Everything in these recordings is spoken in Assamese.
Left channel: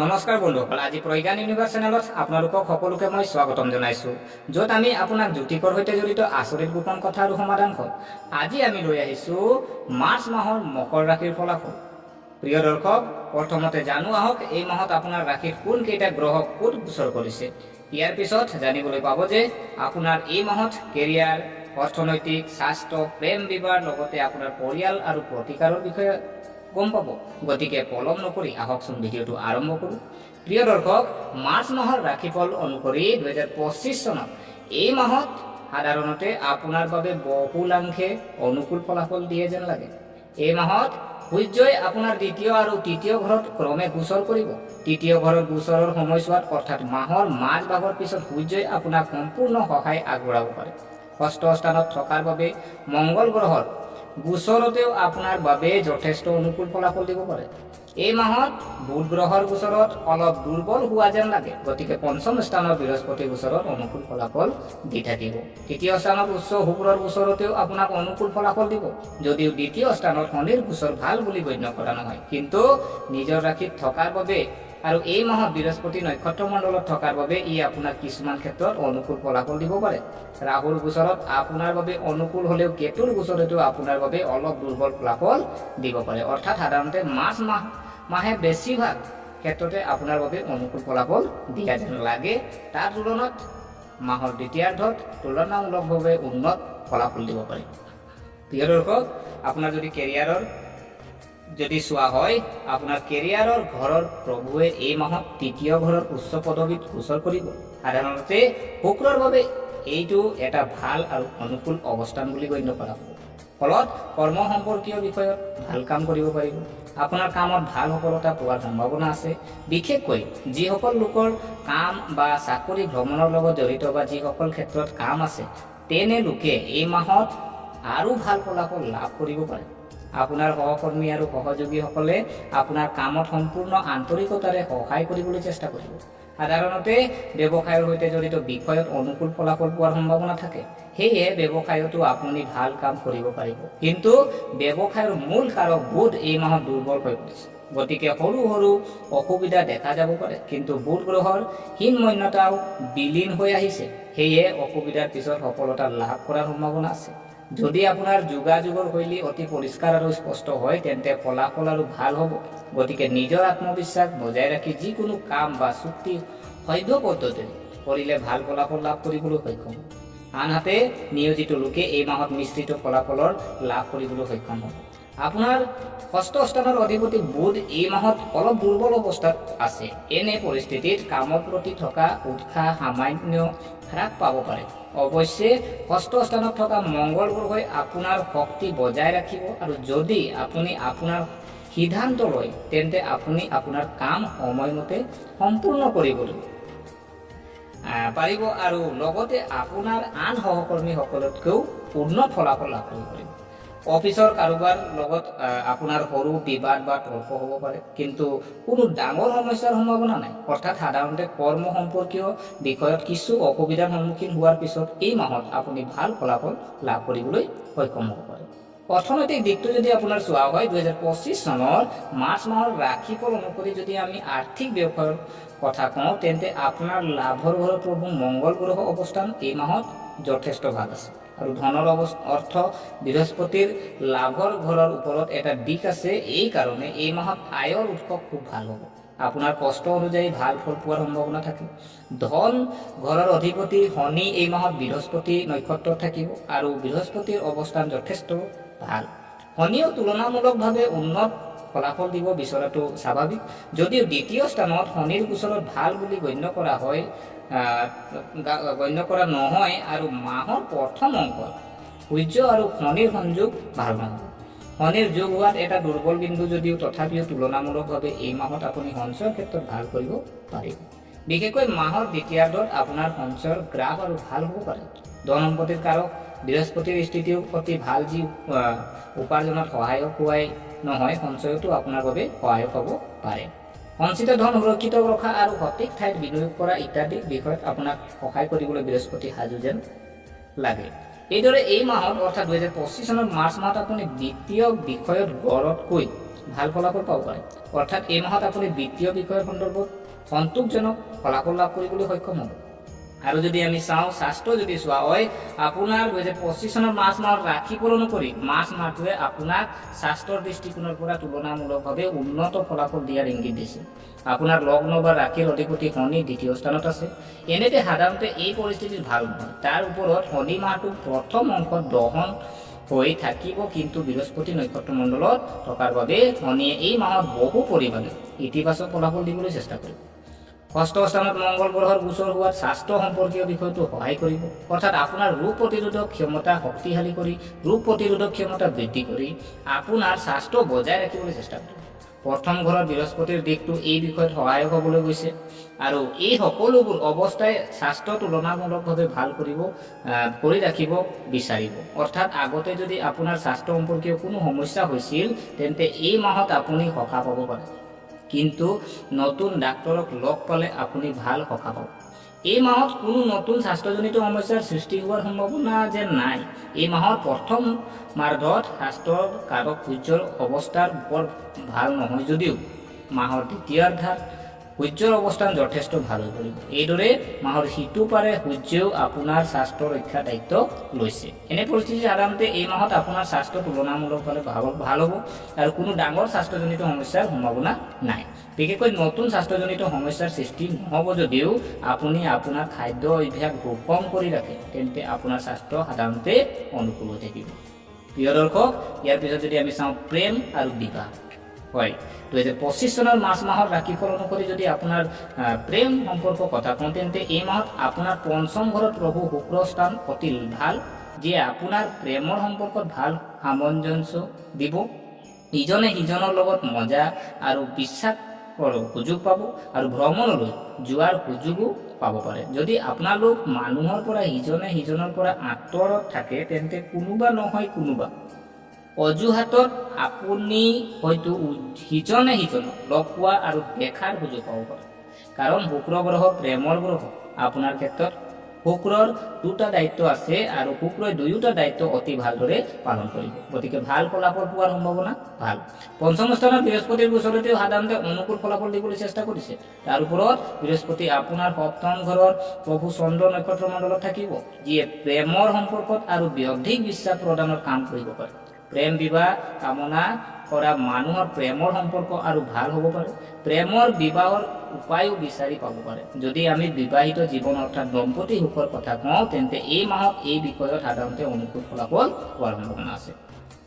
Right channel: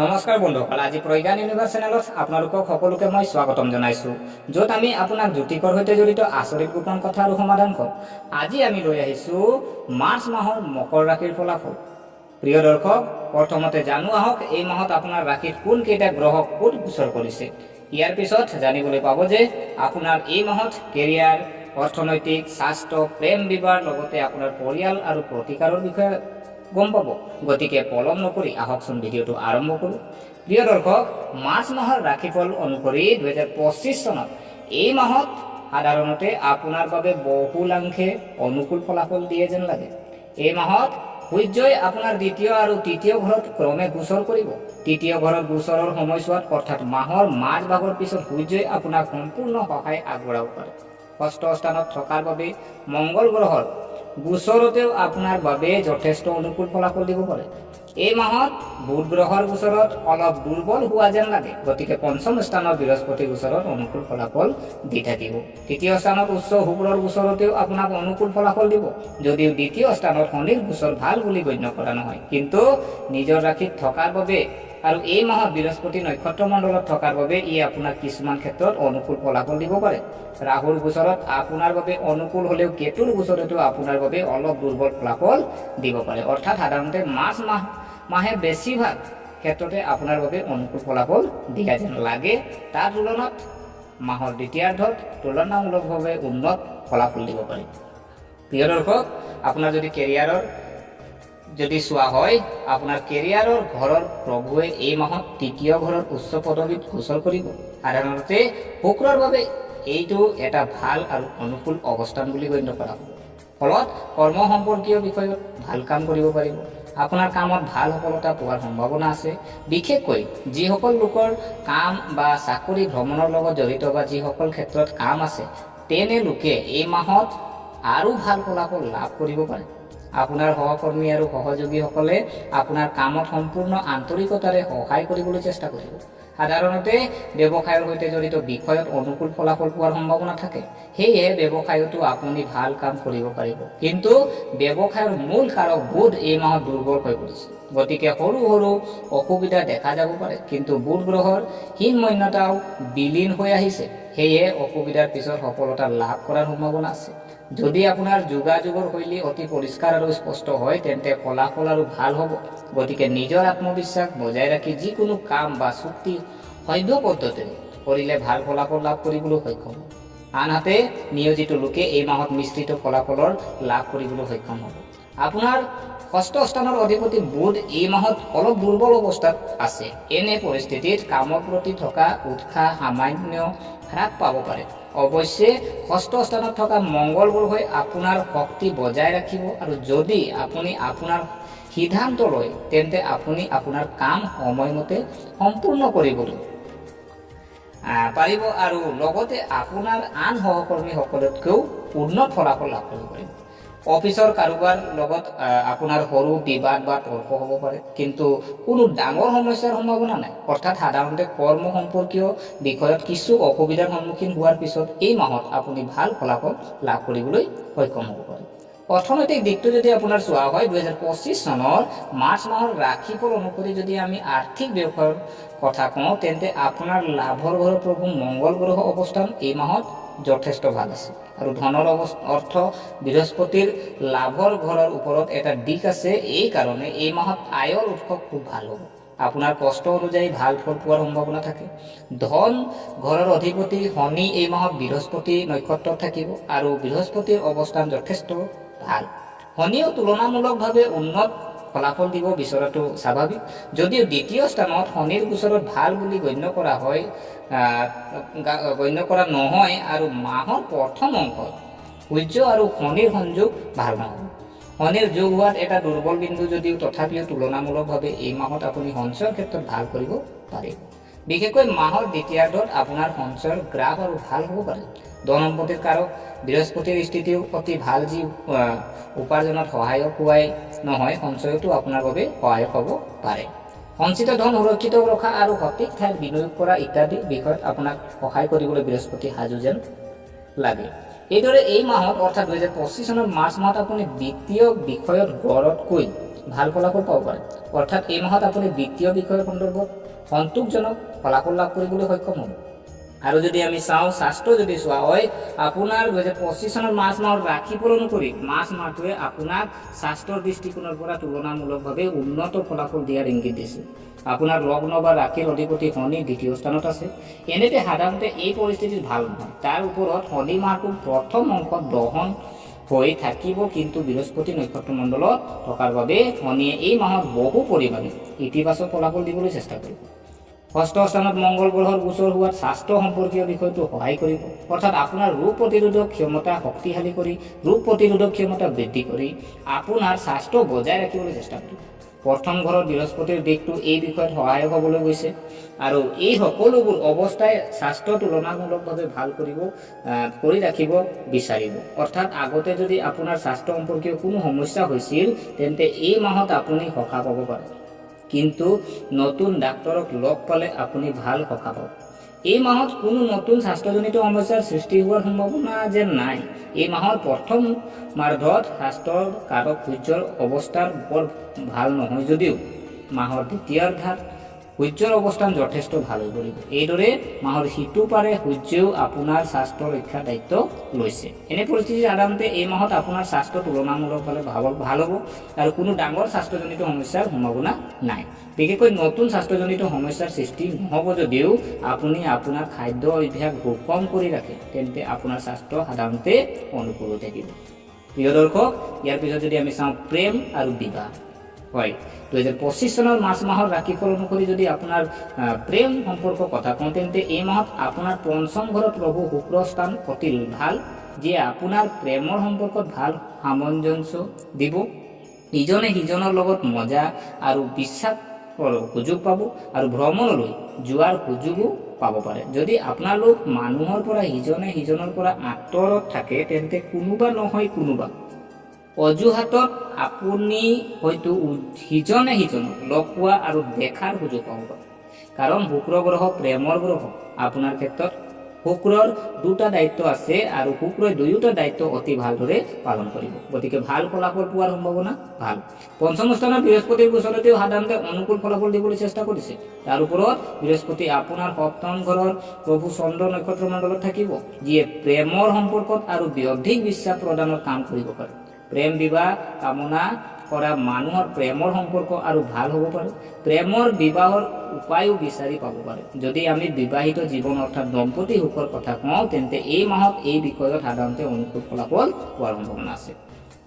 নমস্কাৰ বন্ধুসকল, আজি প্ৰজ্ঞান ইউনিভাৰ্ছ চেনেলত আপোনালোকক সকলোকে মই স্বাগতম জনাইছোঁ, য'ত আমি আপোনাক জ্যোতিষৰ সৈতে জড়িত আচৰিত গোপন কথা আৰু সমাধান কম। আজি আমি লৈ আহিছোঁ মাৰ্চ মাহৰ মকৰ ৰাশিৰ ফলাফল। প্ৰিয় দৰ্শক, প্ৰথমতে জানো আহক এই মাহত আপোনাৰ ৰাশিত কোন কেইটা গ্ৰহ ক'ত গোচৰ কৰিছে। ইয়াৰ পিছত জানিবলৈ পাব যে আপোনাৰ এই মাহত কেৰিয়াৰ, অৰ্থনৈতিক, স্বাস্থ্য, প্ৰেম বিবাহ লগতে আপোনাৰ পৰিয়াল আৰু প্ৰতিকাৰৰ বিষয়ে গম পাব। গতিকে পলম নকৰি আহকচোন ভিডিঅ'টো আৰম্ভ কৰোঁ। প্ৰিয় দৰ্শক, মাৰ্চ মাহৰ ৰাশিফল অনুসৰি 2025 চনত এই মাহত সাধাৰণতে আপোনাৰ বাবে বহুলাংশে অনুকূল ফলাফল দিয়ে যেন লাগে। এই মাহত সূৰ্যই আপোনাৰ দ্বিতীয় আৰু তৃতীয় ঘৰত ক্ৰমে গোচৰ কৰিব। তৃতীয় ঘৰত গোচৰৰ সময়ছোৱাত অৰ্থাৎ মাহৰ মাজ ভাগৰ পিছত সূৰ্যই আপোনাক সম্পূৰ্ণ সহায় আগবঢ়াব পাৰে। ষষ্ঠ স্থানত থকাৰ বাবে মংগল গ্ৰহৰ গোচৰতেও আপোনাৰ বাবে যথেষ্ট অনুকূল ফলাফল দিব পাৰে। এই মাহত বুধ গ্ৰহৰ গোচৰত অলপ দুৰ্বল হোৱা যেন লাগে, গতিকে পঞ্চম স্থানত বৃহস্পতি গোচৰত অনুকূল ফলাফল দি থাকিব। তৃতীয় স্থানত উচ্চ শুক্ৰৰ গোচৰতেও আপোনাক অনুকূল ফলাফল দিব, যদিও দ্বিতীয় স্থানত শনিৰ গোচৰ ভাল বুলি গণ্য কৰা নহয়, কিন্তু নিজৰ ৰাশিত থকাৰ বাবে আৰু এই মাহত বৃহস্পতি নক্ষত্ৰ মণ্ডলত থকাৰ বাবে ই আপোনাক কিছুমান ক্ষেত্ৰত অনুকূল ফলাফল দিব পাৰে। ৰাহুৰ গোচৰত আপোনাৰ বাবে অনুকূল হ'লেও কেতুৰ গোচৰতো আপোনাৰ বাবে অলপ দুৰ্বল ফলাফল দিব পাৰে। অৰ্থাৎ সাধাৰণতে মাৰ্চ মাহে বেছিভাগ ক্ষেত্ৰতে আপোনাৰ বাবে অনুকূল ফলাফল দিয়া যেন লাগে। তাৰ তুলনাত মাহৰ দ্বিতীয়াৰ্ধত তুলনামূলকভাৱে উন্নত ফলাফল দিব পাৰে। প্ৰিয় দৰ্শক, আপোনাৰ যদি কেৰিয়াৰৰ চোৱা হয়, আপোনাৰ কেৰিয়াৰৰ ঘৰৰ প্ৰভুৱে এই মাহত তৃতীয় ঘৰৰ উচ্চ পদবীত গোচৰ কৰিব। সাধাৰণতে শুক্ৰৰ বাবে এইটো এটা ভাল আৰু অনুকূল অৱস্থান বুলি গণ্য কৰা হ'ব। ফলত কৰ্ম সম্পৰ্কীয় বিষয়ত ভাল কাম কৰিব পাৰিব। আপোনাৰ কামত ভাল সফলতা পোৱাৰ সম্ভাৱনা আছে। বিশেষকৈ যিসকল লোকৰ কাম বা চাকৰি ভ্ৰমণৰ লগত জড়িত বা যিসকল ক্ষেত্ৰত কাম আছে, তেনে লোকে এই মাহত আৰু ভাল ফলাফল লাভ কৰিব পাৰে। আপোনাৰ সহকৰ্মী আৰু সহযোগীসকলে আপোনাৰ কামত সম্পূৰ্ণ আন্তৰিকতাৰে সহায় কৰিবলৈ চেষ্টা কৰিব। সাধাৰণতে ব্যৱসায়ৰ সৈতে জড়িত বিষয়ত অনুকূল ফলাফল পোৱাৰ সম্ভাৱনা থাকে। সেয়ে ব্যৱসায়তো আপুনি ভাল কাম কৰিব পাৰিব। কিন্তু ব্যৱসায়ৰ মূল কাৰক বুধ এই মাহত দুৰ্বল হৈ পৰিছে, গতিকে সৰু সৰু অসুবিধা দেখা যাব পাৰে। কিন্তু বুধ গ্ৰহৰ হীনমন্যতাও বিলীন হৈ আহিছে, সেয়ে অসুবিধাৰ পিছত সফলতা লাভ কৰাৰ সম্ভাৱনা আছে। যদি আপোনাৰ যোগাযোগৰ শৈলী অতি পৰিষ্কাৰ আৰু স্পষ্ট হয়, তেন্তে ফলাফল আৰু ভাল হ'ব। গতিকে নিজৰ আত্মবিশ্বাস বজাই ৰাখি যিকোনো কাম বা চুক্তি সভ্য পদ্ধতিৰে কৰিলে ভাল ফলাফল লাভ কৰিবলৈ সক্ষম হ'ব। আনহাতে নিয়োজিত লোকে এই মাহত মিশ্ৰিত ফলাফলৰ লাভ কৰিবলৈ সক্ষম হ'ব। আপোনাৰ ষষ্ঠ স্থানৰ অধিপতি বুধ এই মাহত অলপ দুৰ্বল অৱস্থাত আছে। এনে পৰিস্থিতিত কামৰ প্ৰতি থকা উৎসাহ সামান্য হ্ৰাস পাব পাৰে। অৱশ্যে ষষ্ঠ স্থানত থকা মংগল গ্ৰহই আপোনাৰ শক্তি বজাই ৰাখিব, আৰু যদি আপুনি আপোনাৰ সিদ্ধান্ত লয় তেন্তে আপুনি আপোনাৰ কাম সময়মতে সম্পূৰ্ণ কৰিবলৈ পাৰিব আৰু লগতে আপোনাৰ আন সহকৰ্মীসকলতকৈও উন্নত ফলাফল লাভ কৰিব পাৰিব। অফিচৰ কাৰোবাৰ লগত আপোনাৰ সৰু বিবাদ বা তৰ্ক হ'ব পাৰে, কিন্তু কোনো ডাঙৰ সমস্যাৰ সম্ভাৱনা নাই। অৰ্থাৎ সাধাৰণতে কৰ্ম সম্পৰ্কীয় বিষয়ত কিছু অসুবিধাৰ সন্মুখীন হোৱাৰ পিছত এই মাহত আপুনি ভাল ফলাফল লাভ কৰিবলৈ সক্ষম হ'ব পাৰে। অৰ্থনৈতিক দিশটো যদি আপোনাৰ চোৱা হয়, 2025 চনৰ মাৰ্চ মাহৰ ৰাশিফল অনুসৰি যদি আমি আৰ্থিক ব্যৱসায়ৰ কথা কওঁ, তেন্তে আপোনাৰ লাভৰ ঘৰৰ প্ৰভু মংগল গ্ৰহ অৱস্থান এই মাহত যথেষ্ট ভাল আছে। আৰু ধনৰ অৰ্থ বৃহস্পতিৰ লাভৰ ঘৰৰ ওপৰত এটা দিশ আছে। এই কাৰণে এই মাহত আয়ৰ উৎস খুব ভাল হ'ব। আপোনাৰ কষ্ট অনুযায়ী ভাল ফল পোৱাৰ সম্ভাৱনা থাকে। ধন ঘৰৰ অধিপতি শনি এই মাহত বৃহস্পতি নক্ষত্ৰত থাকিব, আৰু বৃহস্পতিৰ অৱস্থান যথেষ্ট ভাল। শনিও তুলনামূলকভাৱে উন্নত ফলাফল দিব বিচৰাটো স্বাভাৱিক। যদিও দ্বিতীয় স্থানত শনিৰ গোচৰত ভাল বুলি গণ্য কৰা নহয়, আৰু মাহৰ প্ৰথম অংশত সূৰ্য আৰু শনিৰ সংযোগ ভাল নহয়। শনিৰ যোগ হোৱাত এটা দুৰ্বল বিন্দু যদিও তথাপিও তুলনামূলকভাৱে এই মাহত আপুনি সঞ্চয়ৰ ক্ষেত্ৰত ভাল কৰিব পাৰিব। বিশেষকৈ মাহৰ দ্বিতীয়াৰ্ধত আপোনাৰ সঞ্চয়ৰ গ্ৰাফ আৰু ভাল হ'ব পাৰে। ধন সম্পত্তিৰ কাৰক বৃহস্পতিৰ স্থিতিও অতি ভাল, যি উপাৰ্জনত সহায়ক হোৱাই নহয়, সঞ্চয়তো আপোনাৰ বাবে সহায়ক হ'ব পাৰে। সঞ্চিত ধন সুৰক্ষিত ৰখা আৰু সঠিক ঠাইত বিনিয়োগ কৰা ইত্যাদি বিষয়ত আপোনাক সহায় কৰিবলৈ বৃহস্পতি সাজু যেন লাগে। এইদৰে এই মাহত অৰ্থাৎ 2025 চনৰ মাৰ্চ মাহত আপুনি বিত্তীয় বিষয়ত গড়তকৈ ভাল ফলাফল পাব পাৰে। অৰ্থাৎ এই মাহত আপুনি বিত্তীয় বিষয়ৰ সন্দৰ্ভত সন্তোষজনক ফলাফল লাভ কৰিবলৈ সক্ষম হ'ব। আৰু যদি আমি চাওঁ স্বাস্থ্য যদি চোৱা হয়, আপোনাৰ 2025 চনৰ মাৰ্চ মাহৰ ৰাশিফল অনুসৰি মাৰ্চ মাহটোৱে আপোনাক স্বাস্থ্যৰ দৃষ্টিকোণৰ পৰা তুলনামূলকভাৱে উন্নত ফলাফল দিয়াৰ ইংগিত দিছে। আপোনাৰ লগ্ন বা ৰাশিৰ অধিপতি শনি দ্বিতীয় স্থানত আছে। এনেতে সাধাৰণতে এই পৰিস্থিতিত ভাল নহয়। তাৰ ওপৰত শনি মাহটো প্ৰথম অংশত দহন হৈ থাকিব, কিন্তু বৃহস্পতি নক্ষত্ৰ মণ্ডলত থকাৰ বাবে শনিয়ে এই মাহত বহু পৰিমাণে ইতিবাচক ফলাফল দিবলৈ চেষ্টা কৰিব। ষষ্ঠ স্থানত মংগল গ্ৰহৰ গোচৰ হোৱাত স্বাস্থ্য সম্পৰ্কীয় বিষয়টো সহায় কৰিব। অৰ্থাৎ আপোনাৰ ৰোগ প্ৰতিৰোধক ক্ষমতা শক্তিশালী কৰি ৰোগ প্ৰতিৰোধক ক্ষমতা বৃদ্ধি কৰি আপোনাৰ স্বাস্থ্য বজাই ৰাখিবলৈ চেষ্টা কৰিব। প্ৰথম ঘৰত বৃহস্পতিৰ দিশটো এই বিষয়ত সহায়ক হ'বলৈ গৈছে আৰু এই সকলোবোৰ অৱস্থাই স্বাস্থ্য তুলনামূলকভাৱে ভাল কৰি ৰাখিব বিচাৰিব। অৰ্থাৎ আগতে যদি আপোনাৰ স্বাস্থ্য সম্পৰ্কীয় কোনো সমস্যা হৈছিল তেন্তে এই মাহত আপুনি সকাহ পাব পাৰে, কিন্তু নতুন ডাক্তৰক লগ পালে আপুনি ভাল সকাহ পাব। এই মাহত কোনো নতুন স্বাস্থ্যজনিত সমস্যাৰ সৃষ্টি হোৱাৰ সম্ভাৱনা যেন নাই। এই মাহৰ প্ৰথম মাৰ্ধত স্বাস্থ্যৰ কাৰক সূৰ্যৰ অৱস্থাৰ বৰ ভাল নহয় যদিও মাহৰ দ্বিতীয়াৰ্ধাত সূৰ্যৰ অৱস্থান যথেষ্ট ভাল হৈ পৰিব। এইদৰে মাহৰ সিটো পাৰে সূৰ্যেও আপোনাৰ স্বাস্থ্য ৰক্ষাৰ দায়িত্ব লৈছে। এনে পৰিস্থিতি সাধাৰণতে এই মাহত আপোনাৰ স্বাস্থ্য তুলনামূলকভাৱে ভাল হ'ব আৰু কোনো ডাঙৰ স্বাস্থ্যজনিত সমস্যাৰ সম্ভাৱনা নাই। বিশেষকৈ নতুন স্বাস্থ্যজনিত সমস্যাৰ সৃষ্টি নহ'ব যদিও আপুনি আপোনাৰ খাদ্য অভ্যাস সুষম কৰি ৰাখে তেন্তে আপোনাৰ স্বাস্থ্য সাধাৰণতে অনুকূল হৈ থাকিব। প্ৰিয় দৰ্শক, ইয়াৰ পিছত যদি আমি চাওঁ প্ৰেম আৰু বিবাহ, হয় 2025 চনৰ মাৰ্চ মাহৰ ৰাশিফল অনুসৰি যদি আপোনাৰ প্ৰেম সম্পৰ্কৰ কথা কওঁ তেন্তে এই মাহত আপোনাৰ পঞ্চম ঘৰত প্ৰভু শুক্ৰ স্থান অতি ভাল, যিয়ে আপোনাৰ প্ৰেমৰ সম্পৰ্কত ভাল সামঞ্জস্য দিব। ইজনে সিজনৰ লগত মজা আৰু বিশ্বাস সুযোগ পাব আৰু ভ্ৰমণলৈ যোৱাৰ সুযোগো পাব পাৰে। যদি আপোনালোক মানুহৰ পৰা সিজনে সিজনৰ পৰা আঁতৰত থাকে তেন্তে কোনোবা নহয় কোনোবা অজুহাতত আপুনি হয়তো সিজনে সিজনক লগ পোৱা আৰু দেখাৰ সুযোগ পাব পাৰে। কাৰণ শুক্ৰ গ্ৰহ প্ৰেমৰ গ্ৰহ। আপোনাৰ ক্ষেত্ৰত শুক্ৰৰ দুটা দায়িত্ব আছে আৰু শুক্ৰই দুয়োটা দায়িত্ব অতি ভালদৰে পালন কৰিব, গতিকে ভাল ফলাফল পোৱাৰ সম্ভাৱনা ভাল। পঞ্চম স্থানত বৃহস্পতিৰ গোচৰতেও সাধাৰণতে অনুকূল ফলাফল দিবলৈ চেষ্টা কৰিছে। তাৰ ওপৰত বৃহস্পতি আপোনাৰ সপ্তম ঘৰৰ প্ৰভু চন্দ্ৰ নক্ষত্ৰ মণ্ডলত থাকিব, যিয়ে প্ৰেমৰ সম্পৰ্কত আৰু অধিক বিশ্বাস প্ৰদানৰ কাম কৰিব পাৰে। প্ৰেম বিবাহ কামনা কৰা মানুহৰ প্ৰেমৰ সম্পৰ্ক আৰু ভাল হ'ব পাৰে। প্ৰেমৰ বিবাহৰ উপায়ো বিচাৰি পাব পাৰে। যদি আমি বিবাহিত জীৱন অৰ্থাৎ দম্পতি সুখৰ কথা কওঁ তেন্তে এই মাহত এই বিষয়ত সাধাৰণতে অনুকূল ফলাফল পোৱাৰ সম্ভাৱনা আছে।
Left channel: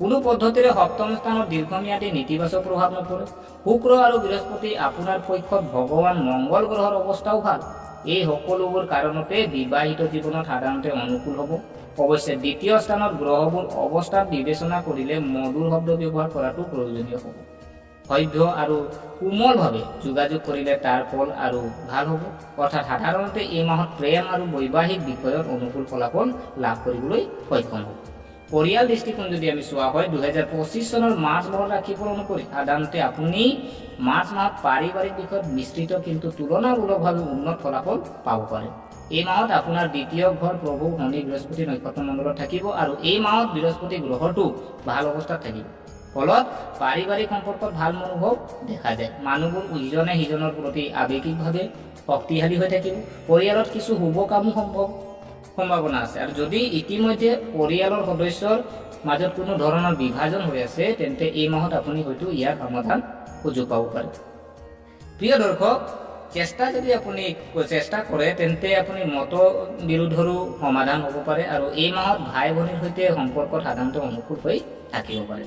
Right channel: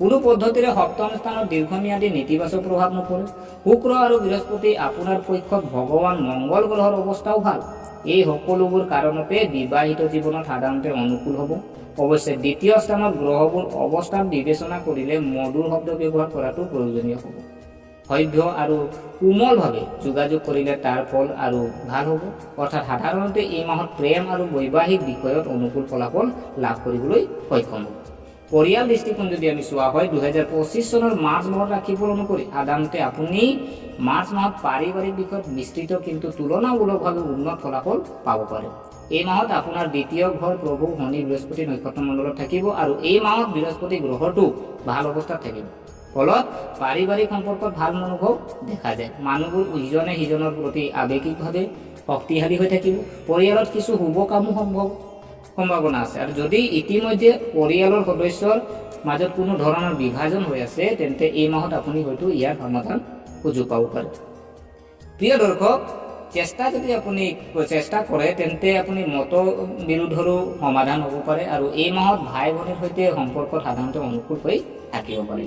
কোনো পদ্ধতিৰে সপ্তম স্থানত দীৰ্ঘম্যাদী নেতিবাচক প্ৰভাৱ নপৰে। শুক্ৰ আৰু বৃহস্পতি আপোনাৰ পক্ষত ভগৱান মংগল গ্ৰহৰ অৱস্থাও ভাল। এই সকলোবোৰ কাৰণতে বিবাহিত জীৱনত সাধাৰণতে অনুকূল হ'ব। অৱশ্যে দ্বিতীয় স্থানত গ্ৰহবোৰ অৱস্থান বিবেচনা কৰিলে মধুৰ শব্দ ব্যৱহাৰ কৰাটো প্ৰয়োজনীয় হ'ব। সভ্য আৰু কোমলভাৱে যোগাযোগ কৰিলে তাৰ ফল আৰু ভাল হ'ব। অৰ্থাৎ সাধাৰণতে এই মাহত প্ৰেম আৰু বৈবাহিক বিষয়ত অনুকূল ফলাফল লাভ কৰিবলৈ সক্ষম হ'ব। পৰিয়াল দৃষ্টিকোণ যদি আমি চোৱা হয় 2025 চনৰ মাৰ্চ মাহৰ ৰাশিফল অনুসৰি সাধাৰণতে আপুনি মাৰ্চ মাহত পাৰিবাৰিক বিষয়ত মিশ্ৰিত কিন্তু তুলনামূলকভাৱে উন্নত ফলাফল পাব পাৰে। এই মাহত আপোনাৰ দ্বিতীয় ঘৰ প্ৰভু শনি বৃহস্পতি নক্ষত্ৰ মণ্ডলত থাকিব আৰু এই মাহত বৃহস্পতি গ্ৰহটো ভাল অৱস্থাত থাকিব। ফলত পাৰিবাৰিক সম্পৰ্কত ভাল মনোভাৱ দেখা যায়। মানুহবোৰ ইজনে সিজনৰ প্ৰতি আৱেগিকভাৱে শক্তিশালী হৈ থাকিব। পৰিয়ালত কিছু শুভ কামো সম্ভাৱনা আছে আৰু যদি ইতিমধ্যে পৰিয়ালৰ সদস্যৰ মাজত কোনো ধৰণৰ বিভাজন হৈ আছে তেন্তে এই মাহত আপুনি হয়তো ইয়াৰ সমাধান সুযোগ পাব পাৰে। প্ৰিয় দৰ্শক, যদি আপুনি চেষ্টা কৰে তেন্তে আপুনি মত বিৰোধৰো সমাধান হ'ব পাৰে আৰু এই মাহত ভাই ভনীৰ সৈতে সম্পৰ্কত সাধাৰণতে অনুকূল হৈ থাকিব পাৰে।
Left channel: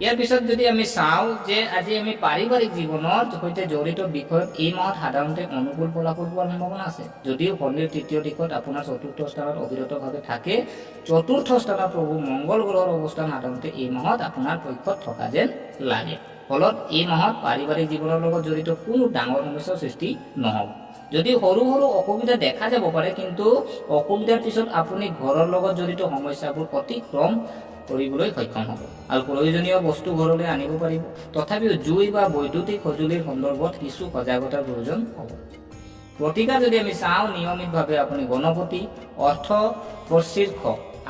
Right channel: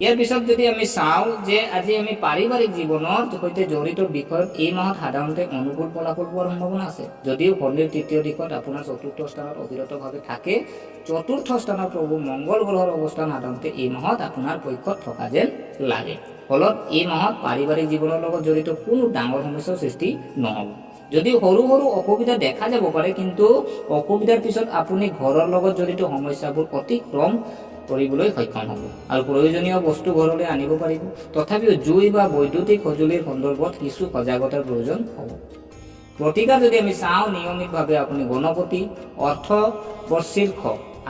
ইয়াৰ পিছত যদি আমি চাওঁ যে আজি আমি পাৰিবাৰিক জীৱনৰ সৈতে জড়িত বিষয়ত এই মাহত সাধাৰণতে অনুকূল ফলাফল পোৱাৰ সম্ভাৱনা আছে। যদিও শনিৰ তৃতীয় দিশত আপোনাৰ চতুৰ্থ স্থানত অবিৰতভাৱে থাকে, চতুৰ্থ স্থানত প্ৰভু মংগল গ্ৰহৰ অৱস্থান সাধাৰণতে এই মাহত আপোনাৰ পক্ষত থকা যেন লাগে। ফলত এই মাহত পাৰিবাৰিক জীৱনৰ লগত জড়িত কোনো ডাঙৰ সমস্যাৰ সৃষ্টি নহ'ব। যদি সৰু সৰু অসুবিধা দেখা যাব পাৰে, কিন্তু অসুবিধাৰ পিছত আপুনি ঘৰৰ লগত জড়িত সমস্যাবোৰ অতিক্ৰম কৰিবলৈ সক্ষম হ'ব আৰু প্ৰয়োজনীয় বস্তু ঘৰলৈ আনিব পাৰিব। তথাপিও জুই বা বৈদ্যুতিক সঁজুলিৰ সন্দৰ্ভত কিছু সজাগতাৰ প্ৰয়োজন হ'ব। প্ৰতিকাৰ যদি আমি চাওঁ, নিয়মিতভাৱে আপুনি গণপতি, অৰ্থবৰ্ষীৰ্ষ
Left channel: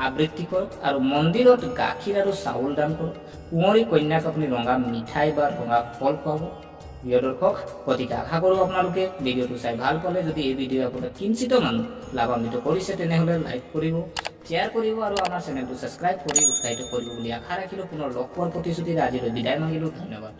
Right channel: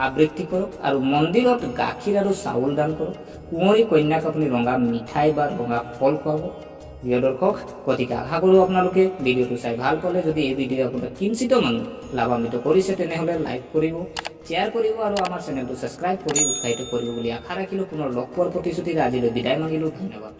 আবৃত্তি কৰক আৰু মন্দিৰত গাখীৰ আৰু চাউল দান কৰক। কুঁৱৰী কন্যাক আপুনি ৰঙা মিঠাই বা ৰঙা ফল খুৱাব। প্ৰিয় দৰ্শক, গতিকে আশা কৰোঁ আপোনালোকে ভিডিঅ'টো চাই ভাল পালে। যদি এই ভিডিঅ' আপোনাক কিঞ্চিত মানুহ লাভান্বিত কৰিছে তেনেহ'লে লাইক কৰিব, শ্বেয়াৰ কৰিব আৰু আমাৰ চেনেলটো ছাবস্ক্ৰাইব কৰি উৎসাহিত কৰিব বুলি আশা ৰাখিলোঁ। পুনৰ লগ পোৱাৰ প্ৰতিশ্ৰুতিৰে আজিলৈ বিদায় মাগিলোঁ। ধন্যবাদ।